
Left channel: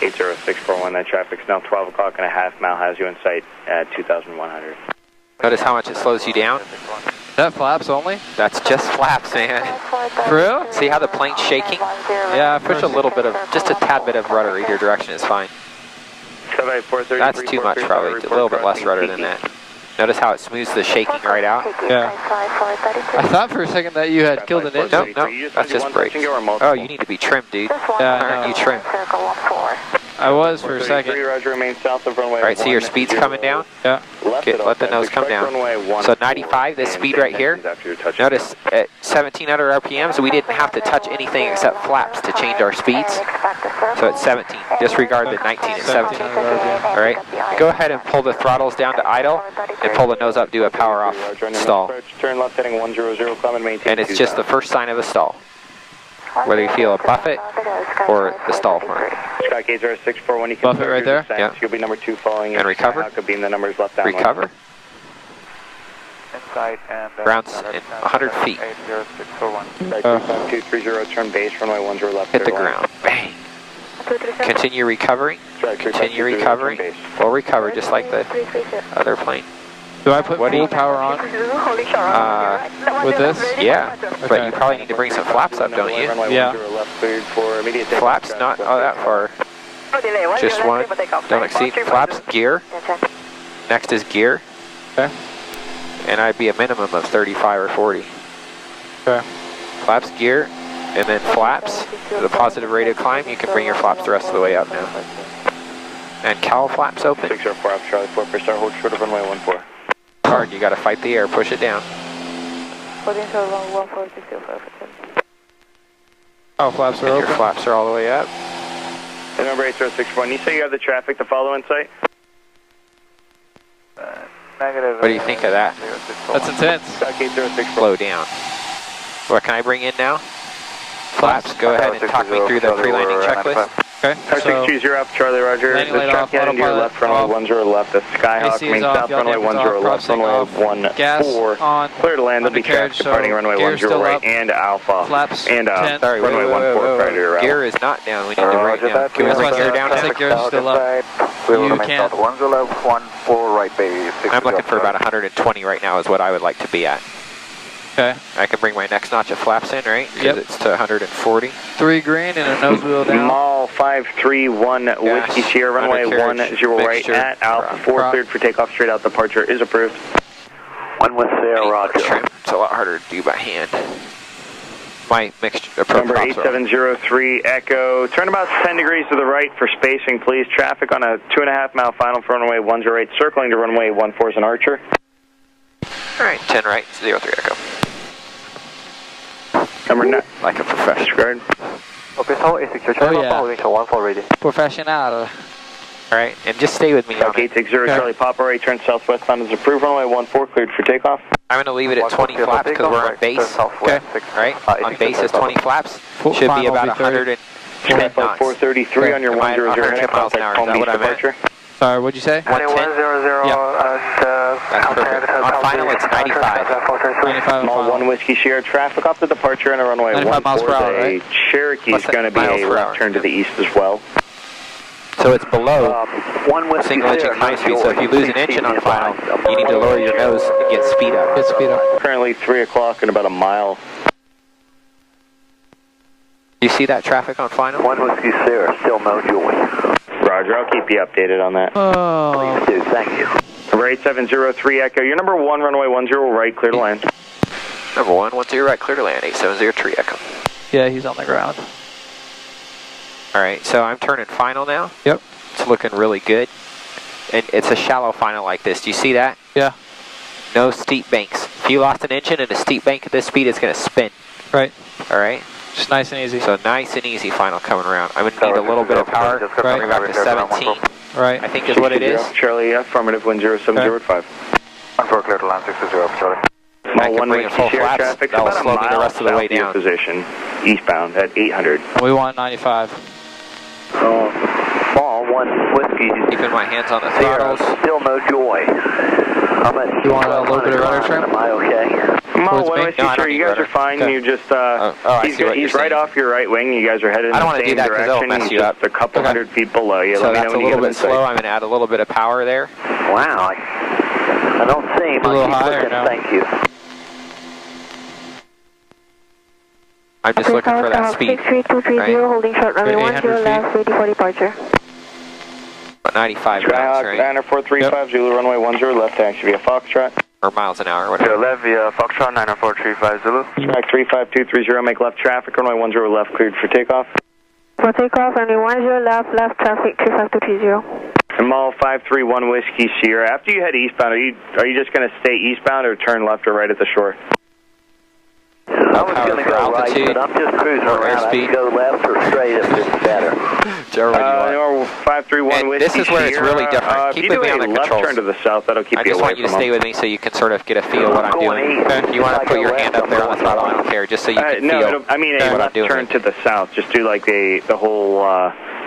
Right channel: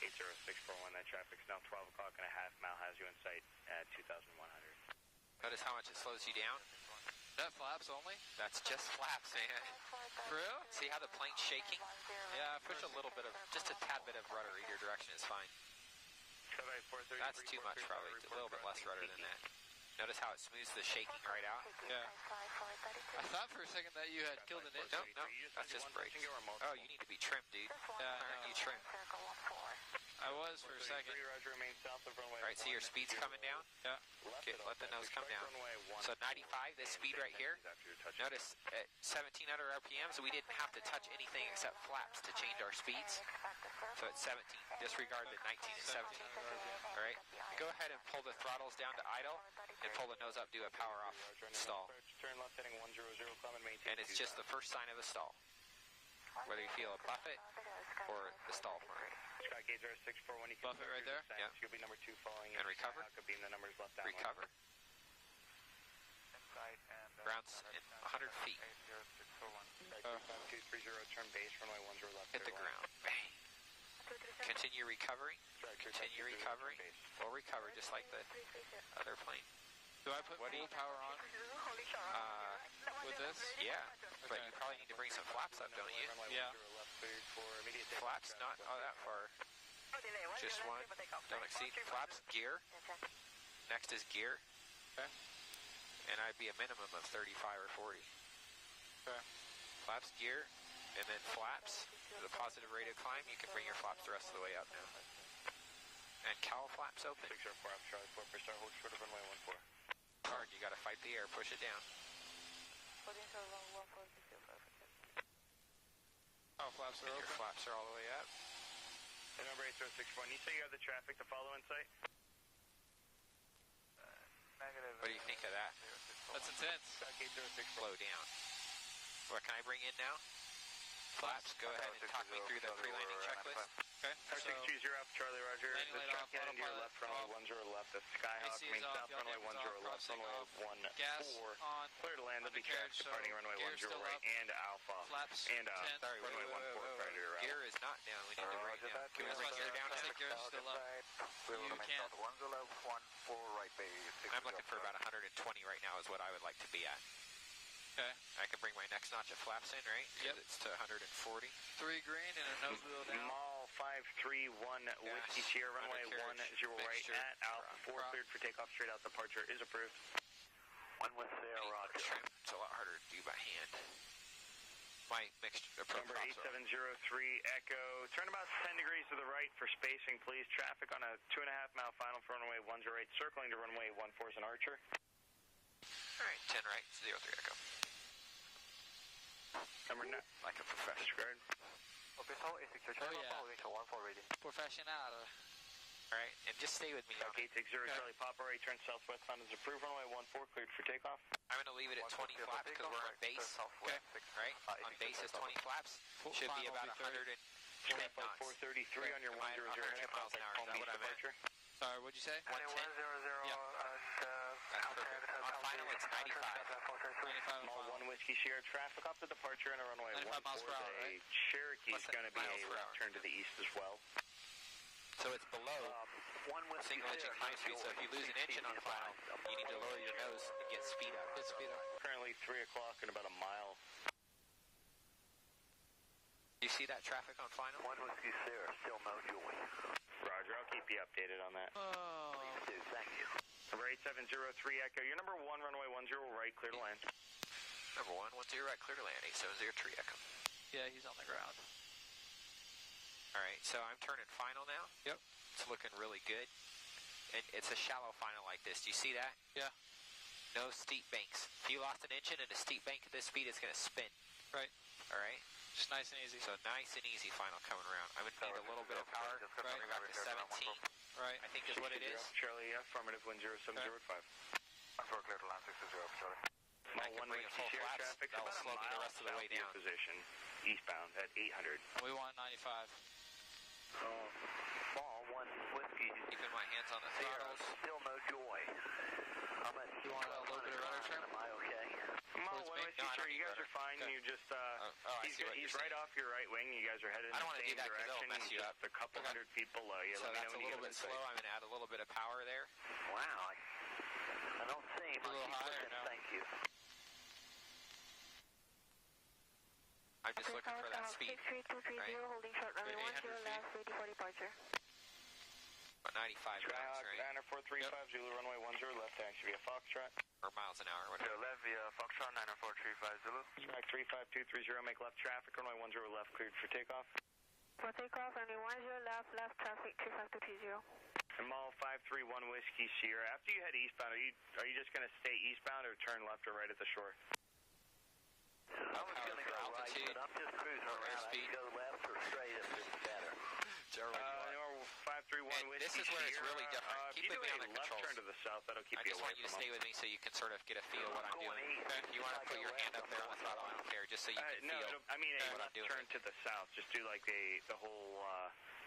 80641, that traffic's now 12 o'clock and a half mile, has you in sight at 2,100. notice how much it slows you down? That flaps only? That's just flaps, man. For real? See how the plane's shaking? Yeah, Push a little bit of, just a tad bit of rudder either direction is fine. That's too much probably, a little bit less rudder than that. Notice how it smooths the shaking right out? Yeah. I thought for a second that you had killed an engine. Nope, that's just brakes. Oh, you need to be trimmed, dude. Yeah, I Aren't know. you trimmed? I was for a second. Roger, remain south of runway. All right, see your speed's coming down? Yeah. Let the nose come down. So 95, this speed right here. Notice at 1700 RPMs, we didn't have to touch anything except flaps to change our speeds. So it's 17. Disregard the 19 and 17. All right. Go ahead and pull the throttles down to idle and pull the nose up, do a power off stall. Turn left heading 100, climb and maintain. And it's just the first sign of a stall. Whether you feel a buffet or the stall horn. Sky Gate 0641, you can Buffet right there? Yeah. You'll be number 2 following. And recover? Could be in the numbers left down. Recover. Inside and Grounds in 100 feet. 80641. 230, turn base, runway 10 left. Hit the ground. Bang. Continue recovering. Continue recovering. We'll recover just like the other plane. Do I put What do full you- power on with this? Yeah, but Okay. you probably need to bring some flaps up, don't you? Yeah. Flaps not all that far. Just one. Don't exceed. Flaps, gear. Next is gear. Okay. And I'd be a minimum of 35 or 40. Okay. Flaps, gear, and then flaps. The positive rate of climb, you can bring your flaps the rest of the way up now. And cowl flaps open. 604 Alpha Charlie 4 per star, hold short of runway 14. Hard, you gotta fight the air, push it down. Oh, flaps are And your open. flaps are all the way up. And number 8061, you say you have the traffic to follow in sight? Negative. What do you think of that? That's intense. Sky Gate 0641. Slow down. What can I bring in now? Flaps, go ahead and talk me through the pre-landing checklist. Okay. Car So 620 Alpha Charlie, Roger. landing The light off, traffic heading to your autopilot left, runway off. 10 left. The Skyhawk, AC is main off, south, yaw runway dampers 10 off, left, processing runway off, gas 14. on, Clear to land, there'll be undercarriage, traffic departing so runway gear's 10 still right up. and Alpha. Flaps And 10. Sorry, wait, runway wait, wait, 14 wait, prior to your wait. route. Gear is not down, we need to bring it down. Can we That's bring why gear down I now? think gear's still up. We will You remain can't. south 10 left, 14 right bay. I'm looking for about 120 right now is what I would like to be at. Okay. I can bring my next notch of flaps in, right? Because Yep. it's to 140. 3 green and a nose wheel down. Mall 531 Whiskey Sierra, runway undercarriage, 10 right mixture, at Alpha 4, prop. cleared for takeoff, straight out departure is approved. 1 with Sierra, Roger. Trim. It's a lot harder to do by hand. My mixture approach Number props are 8703 Echo, turn about 10 degrees to the right for spacing, please. Traffic on a 2.5 mile final for runway 108, circling to runway 14 is an Archer. all right. 10 right, 03 Echo. Number 9, Like a professional. disregard. Okay, so A6 Oh, yeah. holding short 14 ready. Professional. All right, and just stay with me on Gate it. 60 Okay. Charlie Papa, right turn southwestbound is approved, runway 14 cleared for takeoff. I'm going to leave it at 20 flaps because we're on base, Okay. right? On base is 20 flaps. Should be Final about will be 30. 110 Flight knots. 433 on your Am I 100 110 heading, miles an hour? contact Is Palm that Beach what I'm at? departure. Sorry, what'd you say? 110? 100 That's perfect. On final, it's 95. 95 and Mall final. 1 Whiskey Sierra, traffic off the departure and a runway 95 miles per hour, 14. right? Cherokee is What's that? going to be Miles a per left hour. turn to the east as well. So it's below 1 with single engine high speed. So if you lose an engine on final, you need to lower your nose and get speed up. Good speed up. Currently 3 o'clock and about a mile. You see that traffic on final? 1 Whiskey Sierra, still no joy. Roger, I'll keep you updated on that. Oh. Please do, thank you. Number 8703 Echo, your number 1 runway 10 right, clear to land. Number 110 right, clear to land, 870 tree echo. Yeah, he's on the ground. All right, so I'm turning final now. Yep. It's looking really good. And it's a shallow final like this. Do you see that? Yeah. No steep banks. If you lost an engine in a steep bank at this speed, it's going to spin. Right. All right? Just nice and easy. So nice and easy final coming around. I'm going to need a little bit of power. Right. Bring back to 17. Right. I think is what it is. Charlie, affirmative, 10705. 14 clear to land 60 Charlie. I can bring in full flaps. Traffic, That'll about slow me the rest of the way down. Position, eastbound at 800. We want 95. Ball 1 whiskey. Keeping my hands on the throttles. Still no joy. How much? You want a little bit of rudder trim? Am I okay? Well, Towards me? whiskey, sir, you guys are fine. Okay. You just, he's right off your right wing. You guys are headed in the same do that 'cause direction. it'll mess He's you just up. a couple hundred feet below you. So Let me that's know a when you little get bit in sight. slow. I'm going to add a little bit of power there. Wow. I don't see him. A little I keep higher looking. now. Thank you. I'm just looking for that speed. 63230, right? holding short runway 10 800 left, ready for departure. About 95 miles, Skyhawk, right? Diner 435, Zulu runway 10 left, taxi via Foxtrot. Or miles an hour, whatever. Left via Foxtrot 94350 Zulu. Track 35230, make left traffic, runway 10 left, cleared for takeoff. For takeoff, runway 10 left, left traffic 35230. And Mall 531 Whiskey Sierra. After you head eastbound, are you just going to stay eastbound or turn left or right at the shore? I was going to go right, but I'm just cruising around. I can go left or straight if it's better. Whichever one you want. 531 And Whiskey this is where it's really different. If Keep you with do me a on the left controls. turn to the south, that'll keep I you just away want you to from stay them. with me so you can sort of get a feel of what I'm doing. If you want to put your hand up there on the throttle, I don't care, just so you can feel I mean a what I'm left doing. turn to the south. Just do like the whole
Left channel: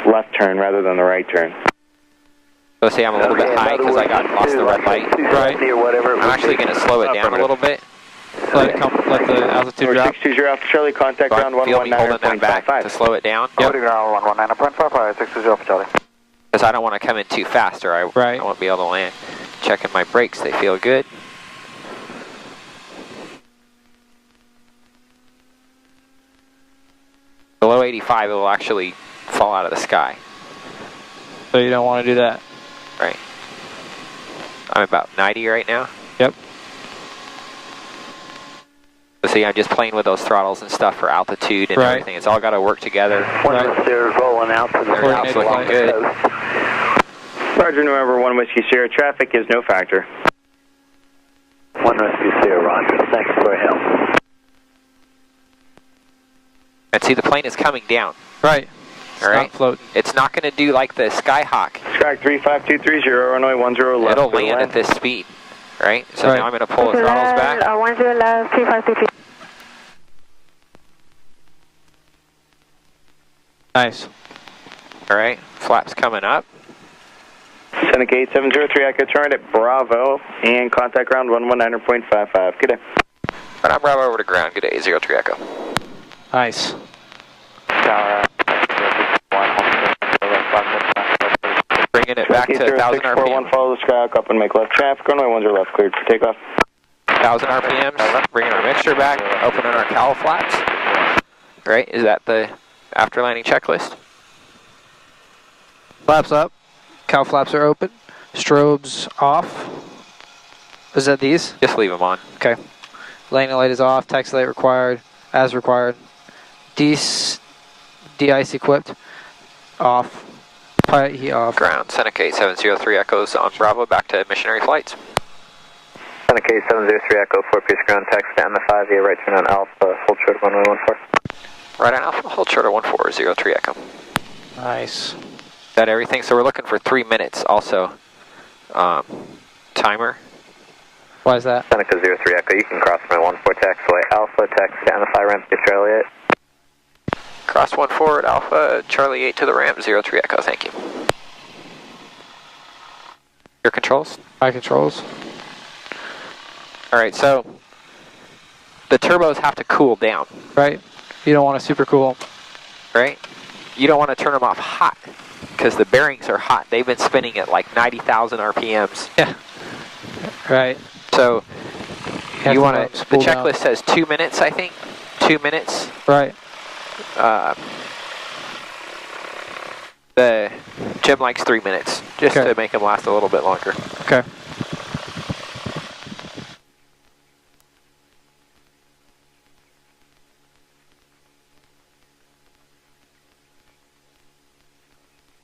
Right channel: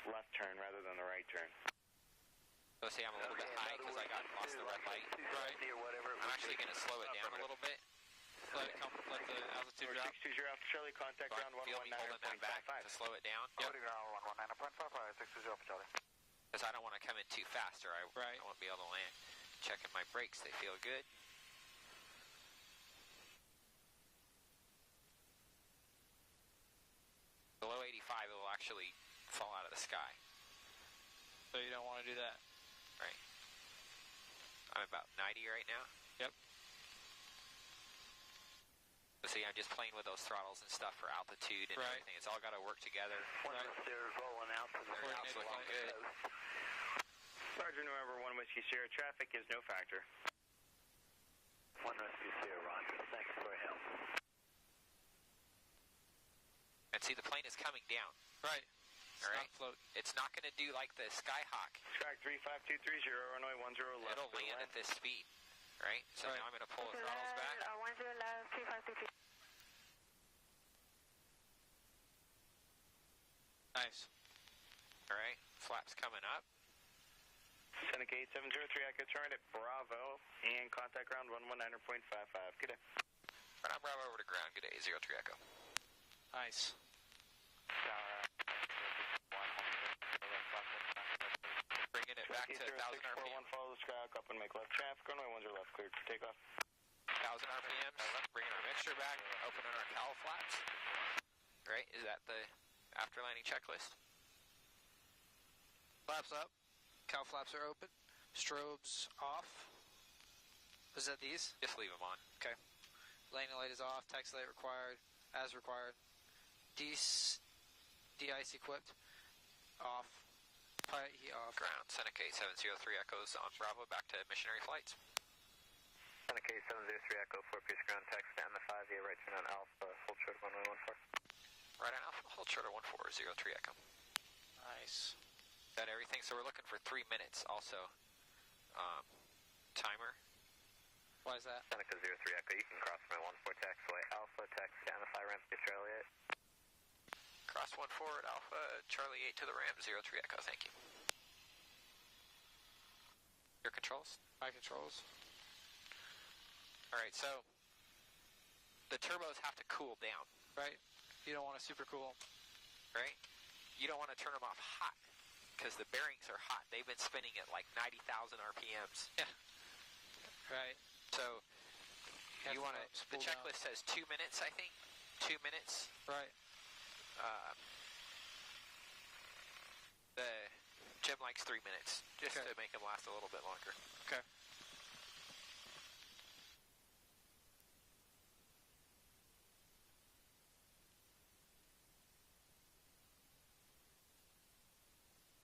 left turn rather than the right turn. So say I'm a little bit high because I lost the red light. Right. I'm actually going to slow it down a little bit. Let the altitude drop. 620 Alpha Charlie, contact ground Feel me holding that back to 119.55. slow it down. Holding ground 119.55, 620 Alpha Charlie. Because I don't want to come in too fast or I won't be able to land. Checking my brakes, they feel good. Below 85, it will actually fall out of the sky. So you don't want to do that. Right. I'm about 90 right now. Yep. So see, I'm just playing with those throttles and stuff for altitude and everything. It's all got to work together. One of the stairs rolling out to the Everything's south looking along the good. coast. Roger, November 1 Whiskey Sierra, traffic is no factor. 1 Whiskey Sierra, Roger. Thanks for your help. And see, the plane is coming down. Right. All right. Not floating. It's not going to do like the Skyhawk. Track 35230, runway 10 left. It'll land at this speed, right? So now I'm going to pull the throttles back. 10 left, 35230. Nice. All right. Flaps coming up. Seneca 8703, Echo turn at Bravo and contact ground 119.55. Good day. Right, I'm Bravo over to ground. Good day, 03 Echo. Nice. Bringing it back to 1,000 RPM. Follow the Skyhawk up and make left traffic. Runway 10 left, cleared for takeoff. 1,000 RPMs. Bringing our mixture back. Opening our cowl flaps. Right? Is that the after landing checklist? Flaps up. Cow flaps are open. Strobes off. Is that these? Just leave them on. Okay. Landing light is off. Taxi light required. As required. De-ice equipped. Off. Pilot heat off. Ground. Seneca 8703 Echoes on Bravo. Back to missionary flights. Seneca 703 Echo, 4-piece ground, taxi down the 5 via right turn on Alpha, hold short of 1114. Right on Alpha, hold short of 1403 Echo. Nice. Is that everything? So we're looking for 3 minutes also. Timer. Why is that? Seneca 03 Echo, you can cross my 14 taxiway Alpha, taxi down the 5 ramp to Charlie 8. Cross 14 at Alpha, Charlie 8 to the ramp, 03 Echo, thank you. Your controls? My controls. All right, so the turbos have to cool down. Right. You don't want to super cool. Right? You don't want to turn them off hot because the bearings are hot. They've been spinning at like 90,000 RPMs. Yeah. Right. So you want to, the spool down. checklist says 2 minutes, I think. 2 minutes. Right. The Jim likes 3 minutes just to make them last a little bit longer. Okay.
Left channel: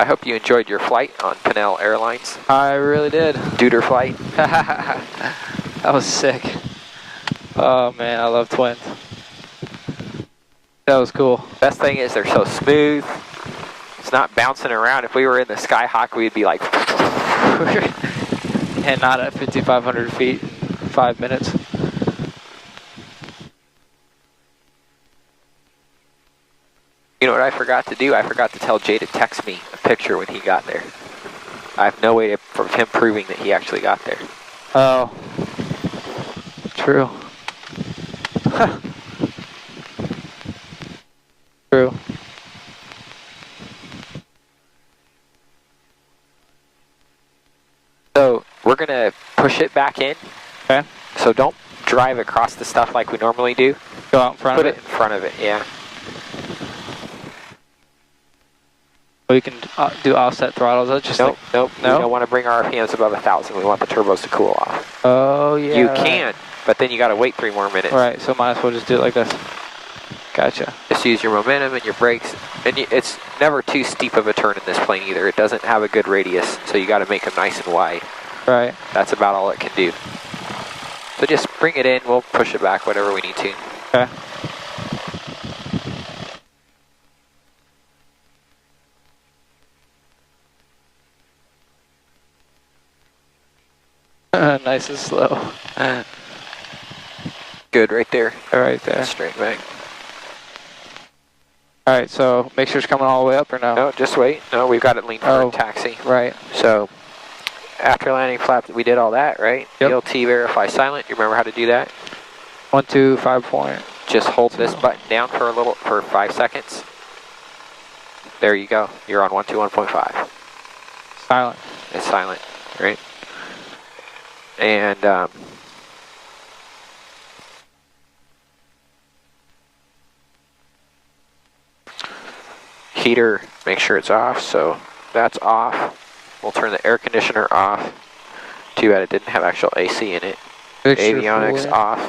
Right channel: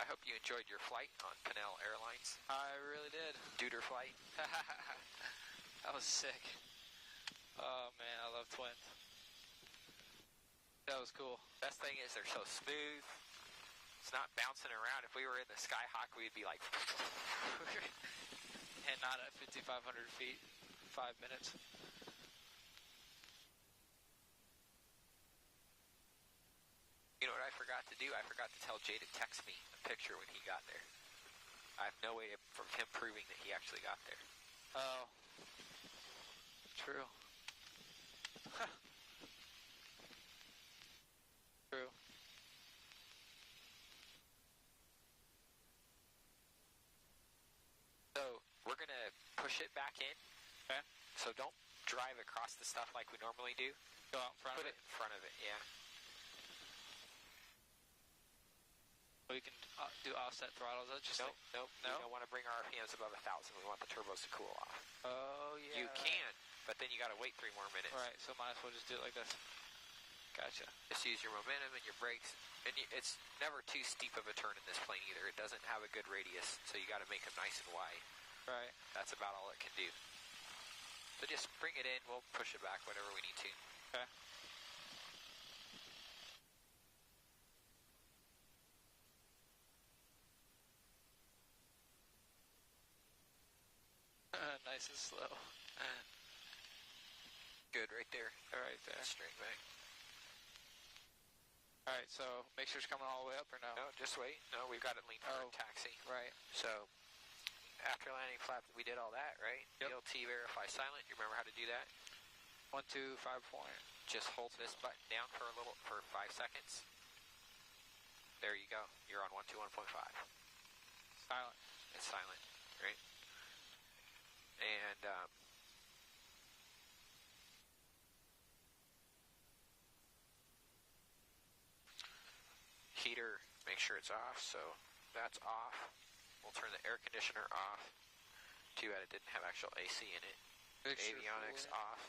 I hope you enjoyed your flight on Pinnell Airlines. I really did. Duder flight. That was sick. Oh man, I love twins. That was cool. Best thing is they're so smooth. It's not bouncing around. If we were in the Skyhawk, we'd be like... And not at 5,500 feet in 5 minutes. You know what I forgot to do? I forgot to tell Jay to text me a picture when he got there. I have no way of him proving that he actually got there. Oh. True. True. So we're going to push it back in. Okay. So don't drive across the stuff like we normally do. Go out in front of it? Put it in front of it, yeah. We can do offset throttles. That's just Nope. No? We don't want to bring our RPMs above 1,000. We want the turbos to cool off. Oh, yeah. You can, but then you got to wait 3 more minutes. Right, so might as well just do it like this. Gotcha. Just use your momentum and your brakes. And it's never too steep of a turn in this plane either. It doesn't have a good radius, so you got to make them nice and wide. Right. That's about all it can do. So just bring it in. We'll push it back, whatever we need to. Okay. Nice and slow. Good, right there. Right there. Straight back. All right, so make sure it's coming all the way up or no? No, just wait. No, we've got it leaned for taxi. Right. So after landing flap, we did all that, right? Yep. ELT verify silent. You remember how to do that? 1, 2, 5 point. Just hold this button down for 5 seconds. There you go. You're on 121.5. Silent. It's silent, right? And heater, make sure it's off. So that's off. We'll turn the air conditioner off. Too bad it didn't have actual AC in it. Fixture Avionics fluid. off.